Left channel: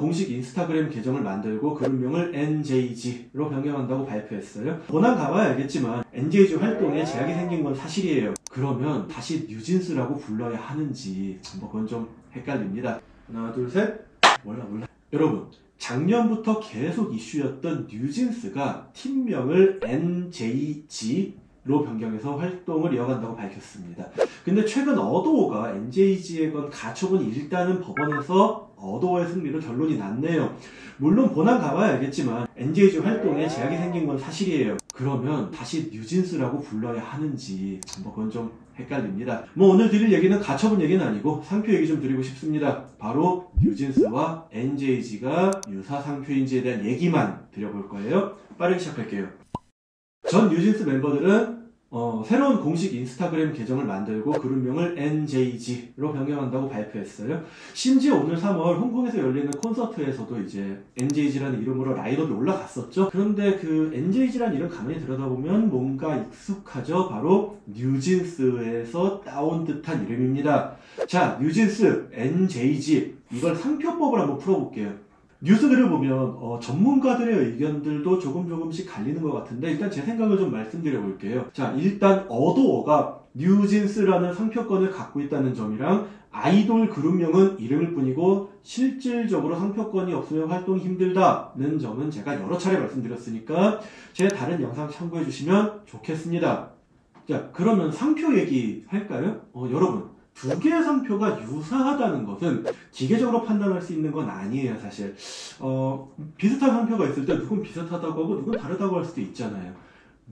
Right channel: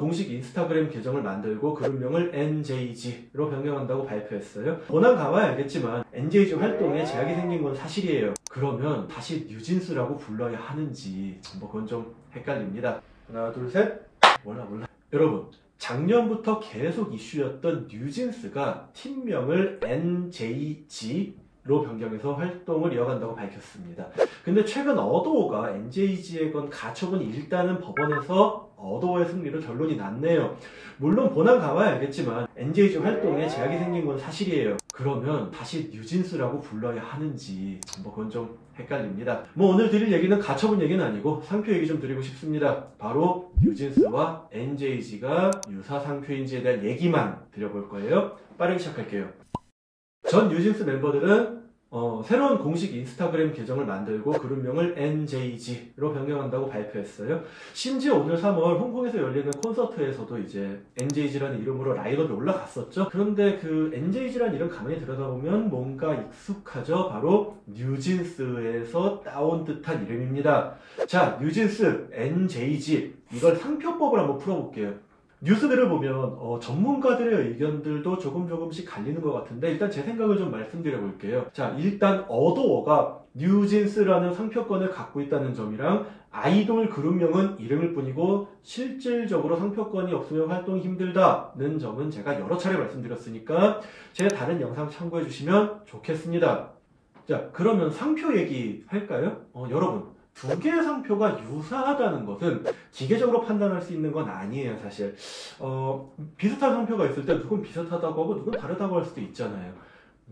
공식 인스타그램 계정을 만들고 그룹명을 NJG로 변경한다고 발표했어요. 본안 가봐야 알겠지만 NJG 활동에 제약이 생긴 건 사실이에요. 그러면 다시 뉴진스라고 불러야 하는지 그건 좀 헷갈립니다. 하나 둘 셋. 몰라. 여러분, 작년부터 계속 이슈였던 뉴진스가 팀명을 NJG로 변경해서 활동을 이어간다고 밝혔습니다. 근데 최근 어도어가 NJG에 건 가처분이 일단은 법원에서 어도어의 승리로 결론이 났네요. 물론 본안 가봐야 알겠지만 NJG 활동에 제약이 생긴 건 사실이에요. 그러면 다시 뉴진스라고 불러야 하는지 그건 좀 헷갈립니다. 오늘 드릴 얘기는 가처분 얘기는 아니고 상표 얘기 좀 드리고 싶습니다. 바로 뉴진스와 NJG가 유사 상표인지에 대한 얘기만 드려볼 거예요. 빠르게 시작할게요. 전 뉴진스 멤버들은 새로운 공식 인스타그램 계정을 만들고 그룹명을 NJG로 변경한다고 발표했어요. 심지어 오늘 3월 홍콩에서 열리는 콘서트에서도 이제 NJG라는 이름으로 라인업이 올라갔었죠. 그런데 그 NJG라는 이름 가만히 들여다보면 뭔가 익숙하죠. 바로 뉴진스에서 따온 듯한 이름입니다. 자, 뉴진스, NJG, 이걸 상표법을 한번 풀어볼게요. 뉴스들을 보면 전문가들의 의견들도 조금씩 갈리는 것 같은데 일단 제 생각을 좀 말씀드려 볼게요. 자, 일단 어도어가 뉴진스라는 상표권을 갖고 있다는 점이랑 아이돌 그룹명은 이름일 뿐이고 실질적으로 상표권이 없으면 활동이 힘들다는 점은 제가 여러 차례 말씀드렸으니까 제 다른 영상 참고해 주시면 좋겠습니다. 자, 그러면 상표 얘기 할까요? 여러분, 두 개의 상표가 유사하다는 것은 기계적으로 판단할 수 있는 건 아니에요, 사실. 비슷한 상표가 있을 때 누군 비슷하다고 하고 누군 다르다고 할 수도 있잖아요.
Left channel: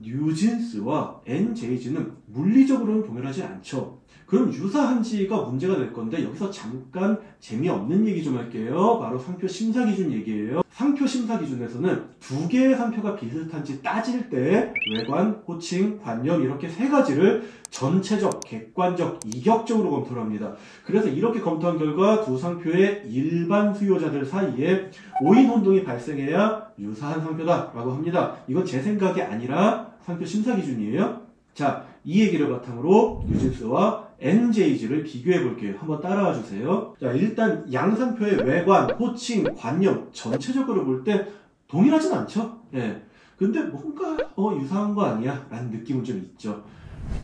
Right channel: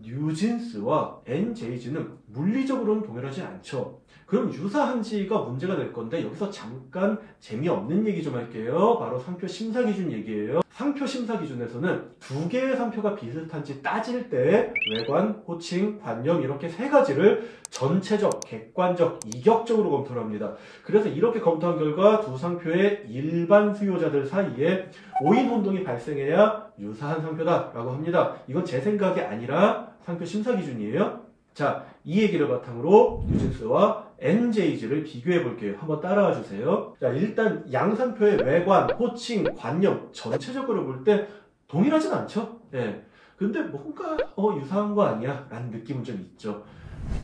뉴진스와 NJG는 물리적으로는 동일하지 않죠. 그럼 유사한지가 문제가 될 건데 여기서 잠깐 재미없는 얘기 좀 할게요. 바로 상표 심사 기준 얘기예요. 상표 심사 기준에서는 두 개의 상표가 비슷한지 따질 때 외관, 호칭, 관념 이렇게 세 가지를 전체적, 객관적, 이격적으로 검토를 합니다. 그래서 이렇게 검토한 결과 두 상표의 일반 수요자들 사이에 오인 혼동이 발생해야 유사한 상표다라고 합니다. 이건 제 생각이 아니라 상표 심사 기준이에요. 자, 이 얘기를 바탕으로 뉴진스와 NJG를 비교해 볼게요. 한번 따라와 주세요. 자, 일단 양 상표의 외관, 호칭, 관념 전체적으로 볼 때 동일하진 않죠? 네. 근데 뭔가 유사한 거 아니야? 라는 느낌은 좀 있죠.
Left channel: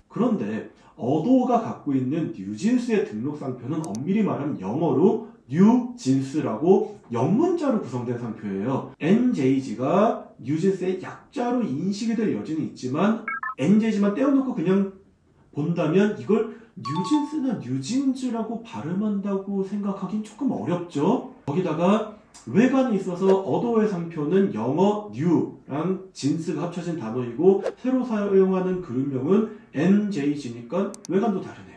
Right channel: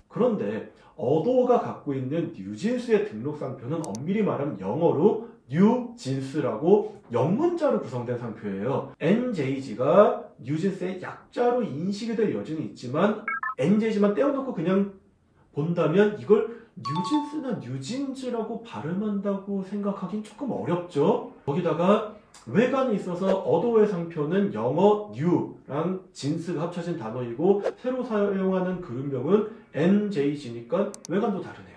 그런데 어도어가 갖고 있는 뉴진스의 등록 상표는 엄밀히 말하면 영어로 뉴진스라고 영문자로 구성된 상표예요. NJG가 뉴진스의 약자로 인식이 될 여지는 있지만 NJG만 떼어놓고 그냥 본다면 이걸 뉴진스나 뉴진즈라고 발음한다고 생각하긴 조금 어렵죠. 거기다가 외관에 있어서 어도어의 상표는 영어 뉴랑 진스가 합쳐진 단어이고 새로 사용하는 그룹명은 NJG니까 외관도 다르네요.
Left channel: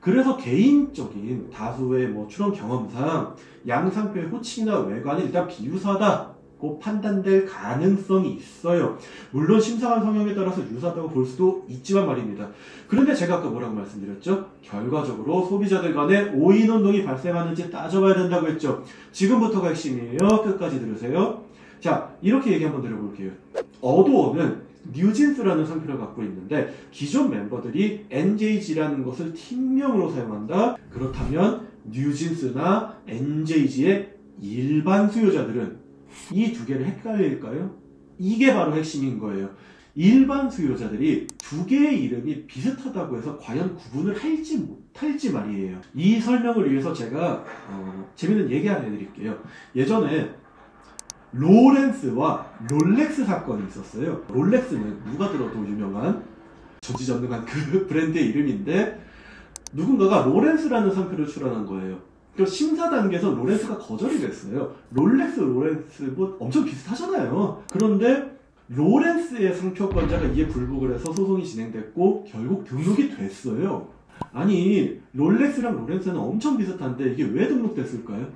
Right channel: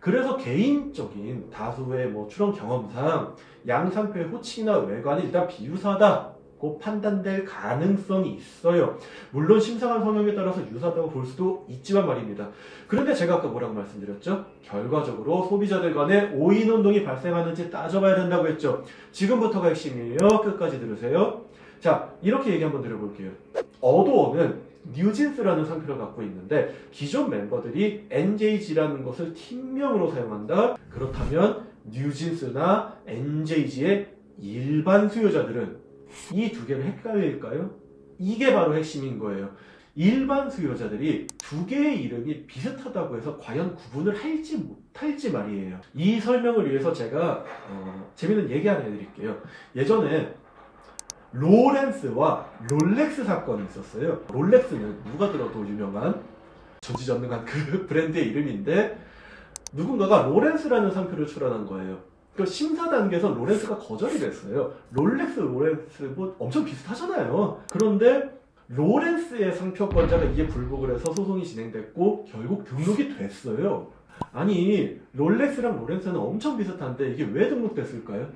그래서 개인적인 다수의 출원 경험상 양 상표의 호칭이나 외관이 일단 비유사하다고 판단될 가능성이 있어요. 물론 심사관 성향에 따라서 유사하다고 볼 수도 있지만 말입니다. 그런데 제가 아까 뭐라고 말씀드렸죠? 결과적으로 소비자들 간에 오인 혼동이 발생하는지 따져봐야 된다고 했죠. 지금부터가 핵심이에요. 끝까지 들으세요. 자, 이렇게 얘기 한번 드려볼게요. 어도어는 뉴진스라는 상표를 갖고 있는데 기존 멤버들이 NJG라는 것을 팀명으로 사용한다. 그렇다면 뉴진스나 NJG의 일반 수요자들은 이 두 개를 헷갈릴까요? 이게 바로 핵심인 거예요. 일반 수요자들이 두 개의 이름이 비슷하다고 해서 과연 구분을 할지 못할지 말이에요. 이 설명을 위해서 제가 재밌는 얘기 하나 해드릴게요. 예전에 로렌스와 롤렉스 사건이 있었어요. 롤렉스는 누가 들어도 유명한 전지전능한 그 브랜드의 이름인데 누군가가 로렌스라는 상표를 출원한 거예요. 그래서 심사 단계에서 로렌스가 거절이 됐어요. 롤렉스 뭐 엄청 비슷하잖아요. 그런데 로렌스의 상표권자가 이에 불복을 해서 소송이 진행됐고 결국 등록이 됐어요. 아니, 롤렉스랑 로렌스는 엄청 비슷한데 이게 왜 등록됐을까요?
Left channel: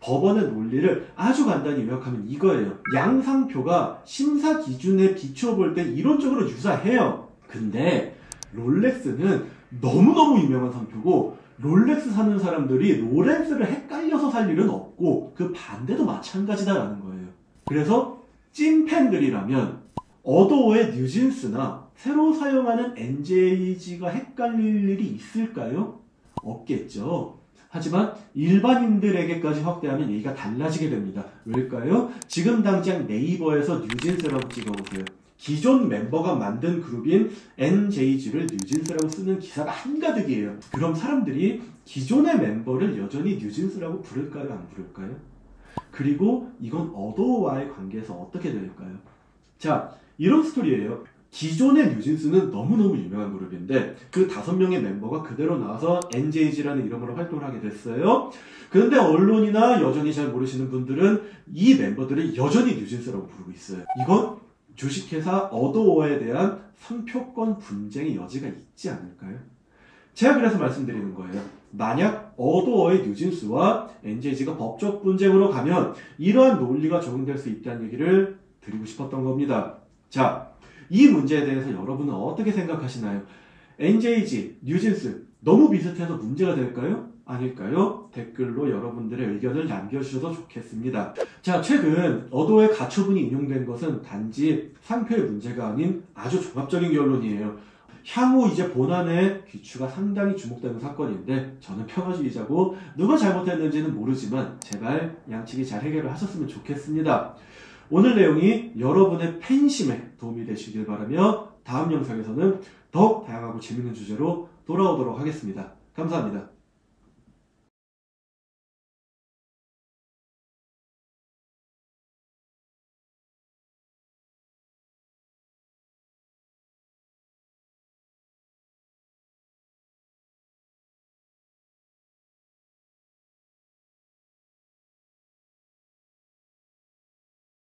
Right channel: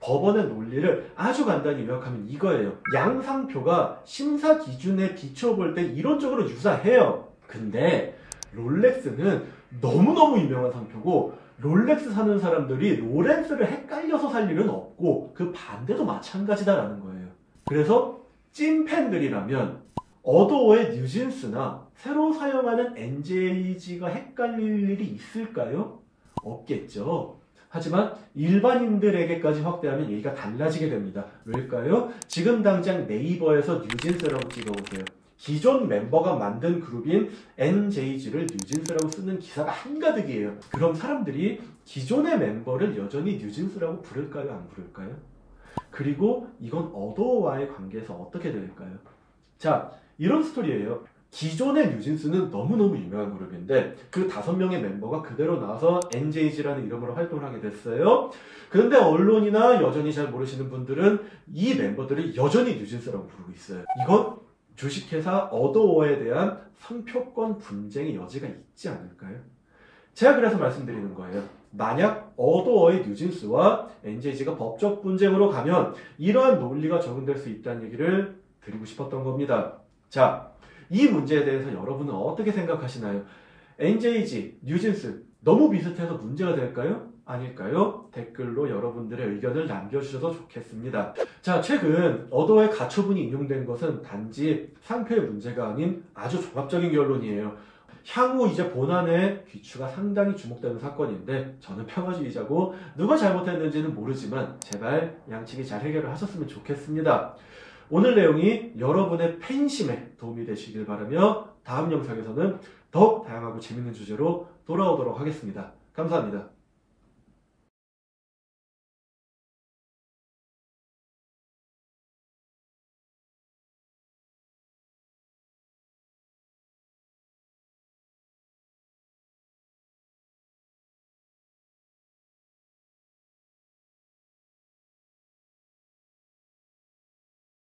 법원의 논리를 아주 간단히 요약하면 이거예요. 양 상표가 심사 기준에 비추어 볼 때 이론적으로 유사해요. 근데 롤렉스는 너무너무 유명한 상표고 롤렉스 사는 사람들이 로렌스를 헷갈려서 살 일은 없고 그 반대도 마찬가지다라는 거예요. 그래서 찐팬들이라면 어도어의 뉴진스나 새로 사용하는 NJG가 헷갈릴 일이 있을까요? 없겠죠. 하지만 일반인들에게까지 확대하면 얘기가 달라지게 됩니다. 왜일까요? 지금 당장 네이버에서 뉴진스라고 찍어보세요. 기존 멤버가 만든 그룹인 NJG를 뉴진스라고 쓰는 기사가 한가득이에요. 그럼 사람들이 기존의 멤버를 여전히 뉴진스라고 부를까요? 안 부를까요? 그리고 이건 어도어와의 관계에서 어떻게 될까요? 자, 이런 스토리예요. 기존의 뉴진스는 너무너무 유명한 그룹인데 그 5명의 멤버가 그대로 나와서 NJG라는 이름으로 활동을 하게 됐어요. 그런데 언론이나 여전히 잘 모르시는 분들은 이 멤버들을 여전히 뉴진스라고 부르고 있어요. 이건 주식회사 어도어에 대한 상표권 분쟁의 여지가 있지 않을까요? 제가 그래서 말씀드리는 거예요. 만약 어도어의 뉴진스와 NJG가 법적 분쟁으로 가면 이러한 논리가 적용될 수 있다는 얘기를 드리고 싶었던 겁니다. 자, 이 문제에 대해서 여러분은 어떻게 생각하시나요? NJG, 뉴진스 너무 비슷해서 문제가 될까요? 아닐까요? 댓글로 여러분들의 의견을 남겨주셔도 좋겠습니다. 자, 최근 어도어의 가처분이 인용된 것은 단지 상표의 문제가 아닌 아주 종합적인 결론이에요. 향후 이제 본안의 귀추가 상당히 주목되는 사건인데 저는 평화주의자고 누가 잘못했는지는 모르지만 제발 양측이 잘 해결을 하셨으면 좋겠습니다. 오늘 내용이 여러분의 팬심에 도움이 되시길 바라며 다음 영상에서는 더욱 다양하고 재밌는 주제로 돌아오도록 하겠습니다. 감사합니다.